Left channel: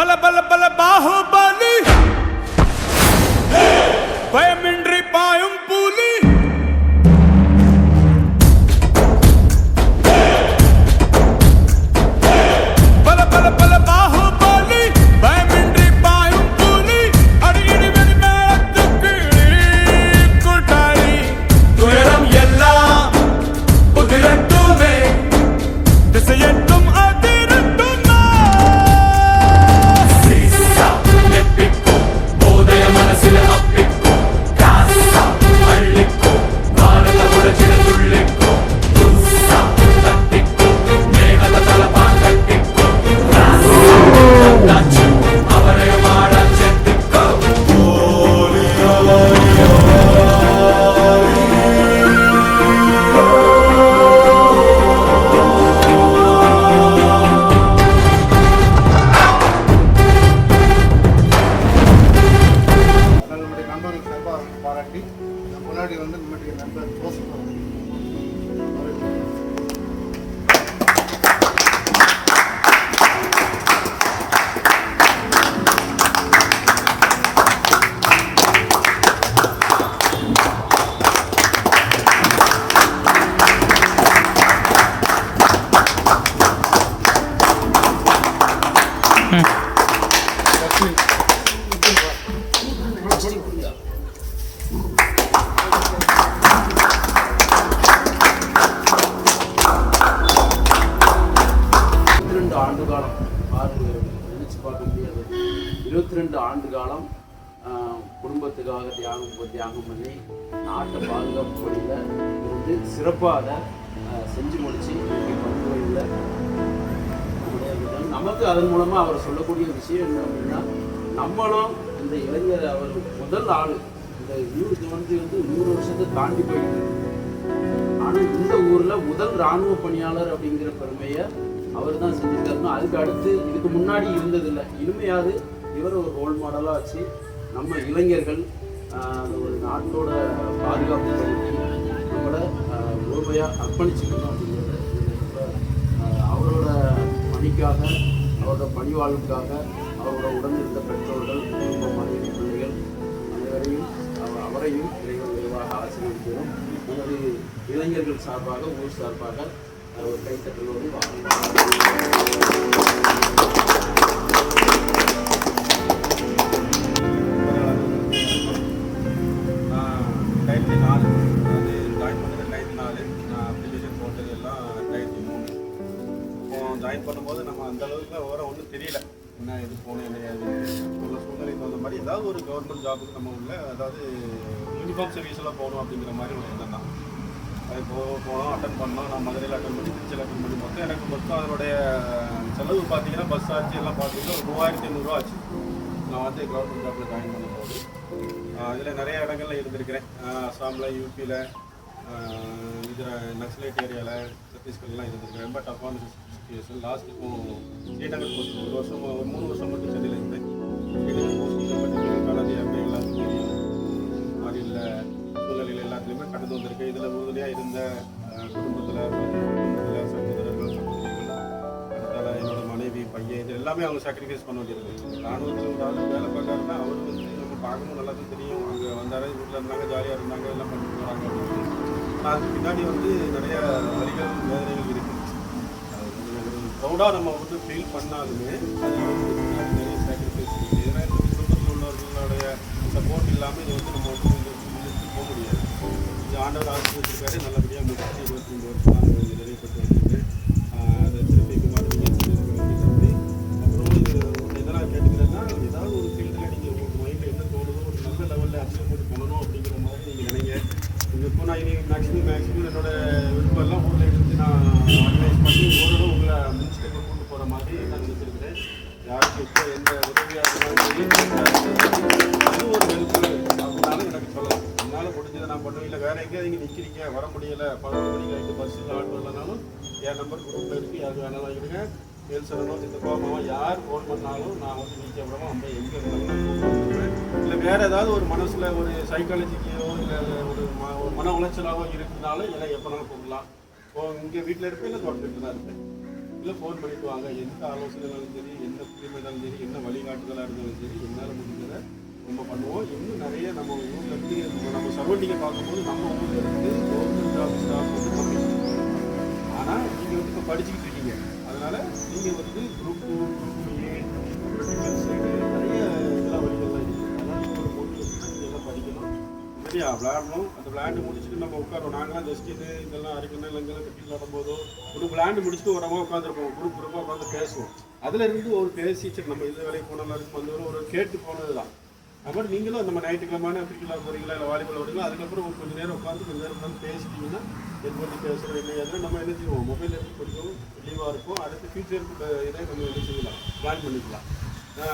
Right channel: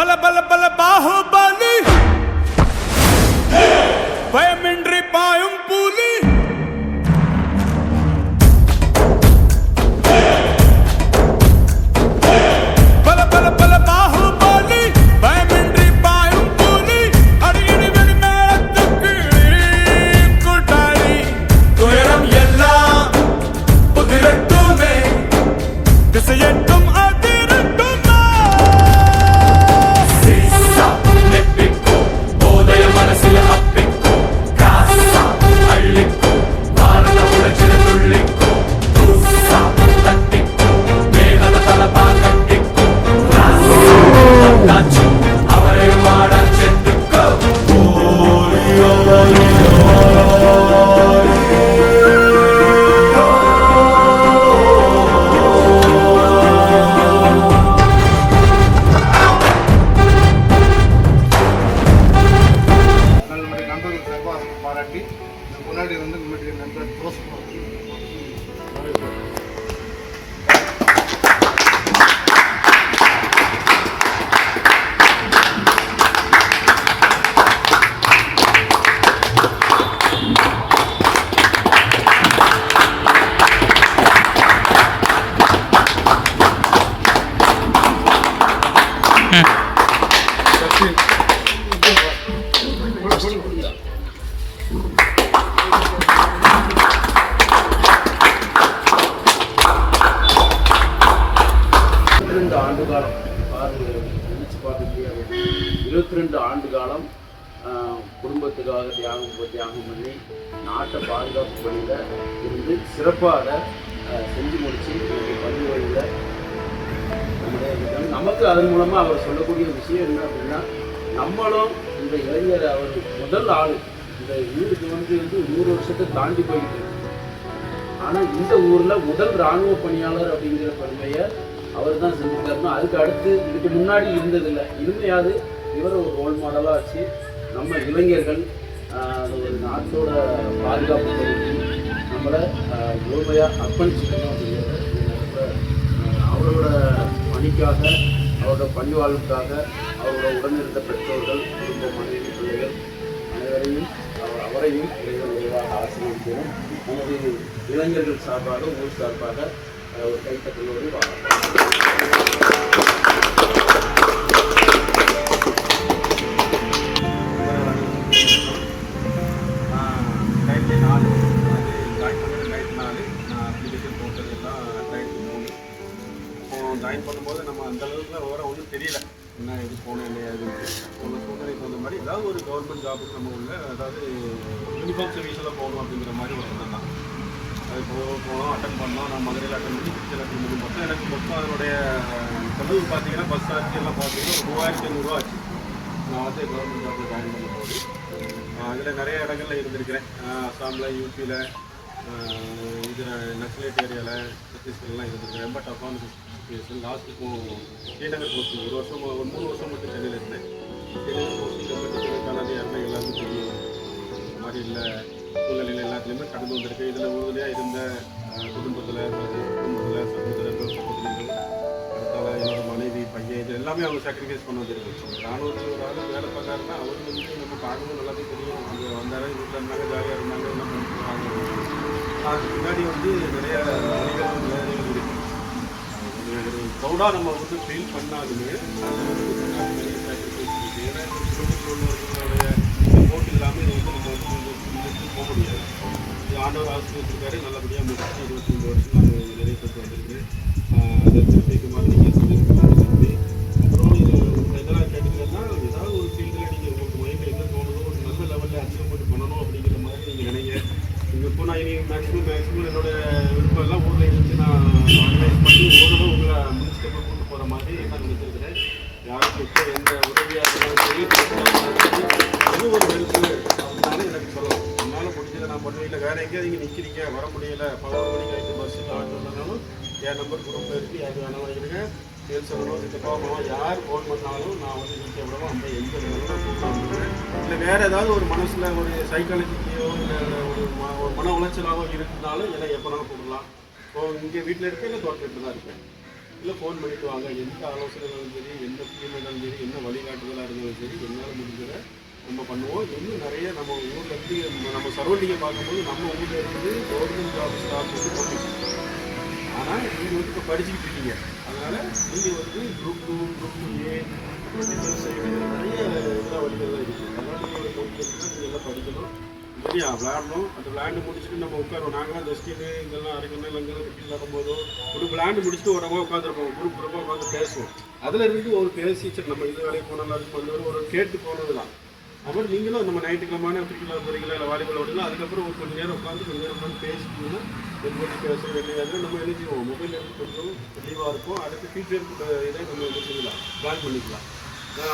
பல பல பல பாகுபலி பயமின்றி பாயும் புலி பல பல பல பாகுபலி பயமின்றி பாயும் புலி அடியடி வெடி மேளத்துக்கு கூட்டாளி துயரம் எல்லாம் புதிரட்டுமே திசையட்டும் பாராட்டி முன்னாடி வந்து நம்மளுடைய நண்பர் ஆண்டு காலம் 22 ஆண்டு காலம் குடும்பத்துக்காக தியாகம் பண்ணி நாட்டை பாதுகாப்பு வழியில் இருந்து சிறப்பாக செஞ்சு முடித்து இன்னைக்கு பணி வழியில் நமக்கு அதன் மூலமாக அவர் சொல்லக்கூடிய விஷயம் என்ன அப்படின்னா நம்மளும் இந்த இளைஞர் அவர் முதல் ஆள் இந்த ஊருக்கு வந்து 100 வருஷத்தை தாண்டி போயிட்டு ஆனால் இந்த ஊரில் முதல் இராணுவ பணியாளர் அப்படிங்கிற பெருமையை அவர் தான் செஞ்சுருக்காருன்னா அதுக்கு அடுத்து இதுக்கு முன்னாடி இருந்ததில்லை. இனிமையாவது இவர் ஒரு ரோல் மாடலாக வச்சு நம்ம இளைஞர்கள் ஒரு நாட்டோட பாதுகாப்பு பணிக்கு நம்மளை முழுமையாக அர்ப்பணிச்சுக்கணும் அப்படிங்கிறத அவரோட பணிக்காக அவரோட பணி வாழ்வுக்காக அவரோட உடனிருந்த பெற்றோர்கள் குடும்ப மனைவி பிள்ளைகள் அனைவரையும் அவரையும் விரைவாக ஆசீர்வதிக்கிறோம். நமது இளைஞர்கள் சார்பாக ஊர் சார்பாக ஒரு கைத்தட்டலோடு ஜாயின் பண்ணும்போது நம்ம அந்த அளவுக்கு ஓரம் ஒன்றும் தெரியல என்ன இது போகணும் இல்லையா உள்ள சூழ்நிலைக்கு வந்த மாதிரி ஏதாவது ஒரு கவர்மெண்ட் ஜாபுக்கு நம்ம உள்ள அதாவது யூனிஃபார்ம் சர்வீஸில் போகணும் அப்படிங்கிற மாதிரி ஒரு எண்ணம் தான். அது போனோம் அட்டன் பண்ணோம். நான் மதுரையில் அட்டன் பண்ணி திருச்சியில் அட்டன் பண்ணி மொத்தம் அதனுடைய செலவு பார்த்தீங்கன்னா பஸ் சார்ஜ் எல்லாம் பார்த்தீங்கன்னா ஒரு 3500 ஆச்சு. நான் வந்து கவர்மெண்ட் ஜாப்பில் ஜாயின் பண்ணும்போது இதில் நிறைய இடங்களில் இருந்திருக்கிறேன். அஸ்ஸாமில், யூபியில், இதில் நக்சலைட் ஏரியாவில், சத்தீஸ்கர்லாம் இருந்திருக்கிறேன். ரொம்ப டஃப்பான சுச்சுவேஷன். லாஸ்ட்டு ஸ்ரீநகர் போஸ்டிங் 1 வருஷம் 3 வருஷம் மட்டும் சென்னையில் இருந்தேன். ஸ்ரீநகர் போஸ்டிங்கில் பற்றி கலதி யாருமே எல்லாத்துக்கும் தெரியும். அது இல்லை சூழ்நிலையில் எல்லாத்துலேயுமே கடந்து வந்திருக்கு. இதில் உறுதியாக இருந்த குடும்பத்தில் சகோதரர்கள் அடுத்தால என்னோட மனைவி பையன் இது எல்லாமே அவங்க சாக்ரிஃபைஸ் பண்ண வந்துருக்கு. ராணுவத்தில் ஒரு ஆள் வேலை பார்க்காருன்னா அவருக்கு வந்து நம்ம பார்க்கணும் நல்லாவே தெரியும். அங்கே வந்தாலே வீட்டில் இருந்தாங்க, ஜாலியாக இருந்தாங்க, எல்லாம் பண்ணிட்டு அதுக்கு முன்னாடி வந்து நிறைய வழிகள் வேலைகள் இருக்குது. ப்ரௌடாக நம்ம வந்து ஃபீல் பண்ணாலுமே அதில் வந்து நிறைய சாக்ரிஃபைஸ் இருக்குது. ஏன்னா குடும்பத்தில் உள்ளவர்களுடைய சப்போர்ட் இல்லாமல் இது வந்து நம்ம வந்து போக முடியாது. இது ஆண்டவர் ஆசிரியர் நல்லபடியாக முடிச்சு 25 வருஷம் அது நிறைவேற்றி இருக்குது. அதை திருப்பிக்கு மாதிரி செஞ்சுருக்கு. அப்புறம் எதனால் கேட்டுக்கிறேன்னா ஏதாவது ஒரு ஃபீல்டில் நீங்கள் உங்களுக்கு மைண்டில் என்ன தோணுதோ ஒரு நல்ல லெவலில் அச்சீவ்மெண்ட் பண்ணணும் அப்படிங்கிற மாதிரி நீங்கள் நினைங்க. இப்போ நான் இனி மேக்ஸிமம் என்னோட விருப்பம்லாம் ஊரில் இருந்து நான் ஆர்கனைஸ் பண்ணி ஓரளவு உங்களை முடிச்சுட்டு கூட்டு போகிற மாதிரி நான் நினைச்சிருக்கிறேன். யாருக்கு இப்போ எந்த உதவியாக அது ஒரு ஹெல்ப்பு அப்படின்னாலும் எனக்கு சொல்லலாம். என்னால் முடிஞ்சதை நான் பண்ணுவேன். இல்லை வேறு எங்கேயாவது நீங்கள் நிற்கிறீங்க வர முடியலை 11 மணிக்கு ஆகிட்டு பஸ்ஸுக்கு ஆட்டோ இல்லைனாலும் என் நம்பர் குரூப்பில் இருக்குது. யார் வேணாலும் வாங்கிடுங்க. பேசுகிறோம் இந்த போகணும் யார் ஃபோன் பண்ணாலும் நான் வந்து நிற்கிறோம் அம்மா எங்கே இருந்தாலும் நான் வந்துடுவேன். இல்லை வேறு ஏதாவது ஒரு மனசில் ஒரு சைக்காலஜிக்கையோ இல்லை ஒரு மன உளைச்சலாகவோ இருந்தாலும் இல்லை எப்போனாலும் கூப்பிடலாம். இப்போ இங்கே வீட்டில் இருப்பேன், இல்லை தோட்டத்தில் தான் இருப்பேன். இல்லை ஃபோன் பண்ணிட்டு வாங்க. எந்த ஆலோசனைனாலும் சரி, எந்த ஸ்கீம் இருந்தாலும் சரி, என்ன வழிகாட்டுதலாக இருந்தாலும் சரி, என்னால் முடிஞ்சதை நம்ம பண்ணுவோம். இன்னும் நிறைய நம்ம ஊரில் இருந்து நம்ம சரௌண்டிங்கை பார்க்கும்போது நம்ம ஊரில் இருந்து கவர்மெண்ட் ஸ்டாஃப் வந்து போட்டு, ஆனால் நீங்கள் வந்து இப்போ படிச்சுக்கிட்டு இருக்கீங்க. அதனால் நீங்கள் வந்து குரூப் 2, குரூப் 2A, டிஃபென்ஸ் நிறைய இதெல்லாம் வழிகள்லாம் இருக்குது. அதனால் நீங்கள் ஒரு மோட்டிவேஷனாக நீங்கள் எல்லாம் படிக்கணும், சரியா விளையாடணும். அந்த விளையாண்டு முடிச்சுட்டு நம்ம உட்காருவோம். நாங்களாம் இந்த ஸ்கின்னு இதெல்லாம் அரைக்கணும் இங்கெல்லாம் கட்டி விளையாடும்போதோ ஒரு விளையாண்டு முடிச்சுட்டு ஒரு அம்மா உட்காந்துருப்போம், குரூப் குரூப்பாக உட்காந்து பேசுவோம். அதில் இருந்து ஒரு பேசி சரி நம்ம இந்த வேலைக்கு போனாலும் வந்து ஒரு கேட்டு போனது தான். அப்புறம் நீங்களும் நம்ம ஞாயிற்றுக்கிழமான கிரிக்கெட் போகிறீங்களா இல்லை வாலிபால் விடுங்களா, அதுக்கப்புறம் ஒரு கொஞ்சம் நேரம் உட்காந்து கொஞ்சம் நேரம் உட்காந்து பேசிட்டீங்கன்னா எப்படி பேசுகிறோம் இல்லையாவது நம்ம என்ன செய்வோம், மொபைல் எடுத்து கொஞ்சம் தெளிவாக இருக்கும். அடுத்து ஃபியூச்சருக்கு இதை நம்ம என்ன செய்யலாம், பிளான் பண்ணிக்கலாம்.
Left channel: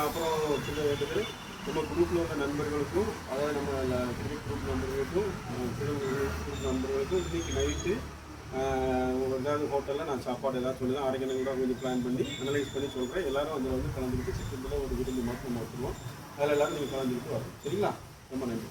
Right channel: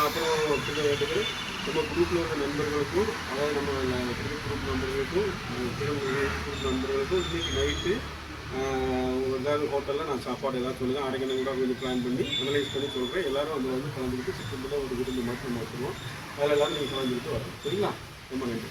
அப்புறம் பிள்ளைகளுக்கு நம்ம குரூப்பில் உள்ள நண்பர்களுக்கும், அதாவது நம்ம கிரிக்கெட் குரூப் நண்பர்களுக்கும், குரூப் நண்பர்களுக்கும் இன்றைக்கி நைட்டு ஏதாவது ஹோட்டலில் நான் சாப்பாடு ஏதாவது சொல்லுவேன். அரைக்கணும் கூட கொஞ்சம் பிளான் பண்ணி அனலைஸ் பண்ணி சொல்கிறேன். எல்லோரும் அதில் வந்து கலந்துக்கிட்டு சிக்கத்தில் ஒரு விருந்து மட்டும் நம்ம வச்சுருவோம். அதில் எல்லோரும் நீங்கள் கலந்துக்கிட்டு வரணும், சரிங்களா? ரொம்ப நன்றி.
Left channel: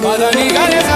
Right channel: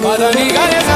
Madani Gare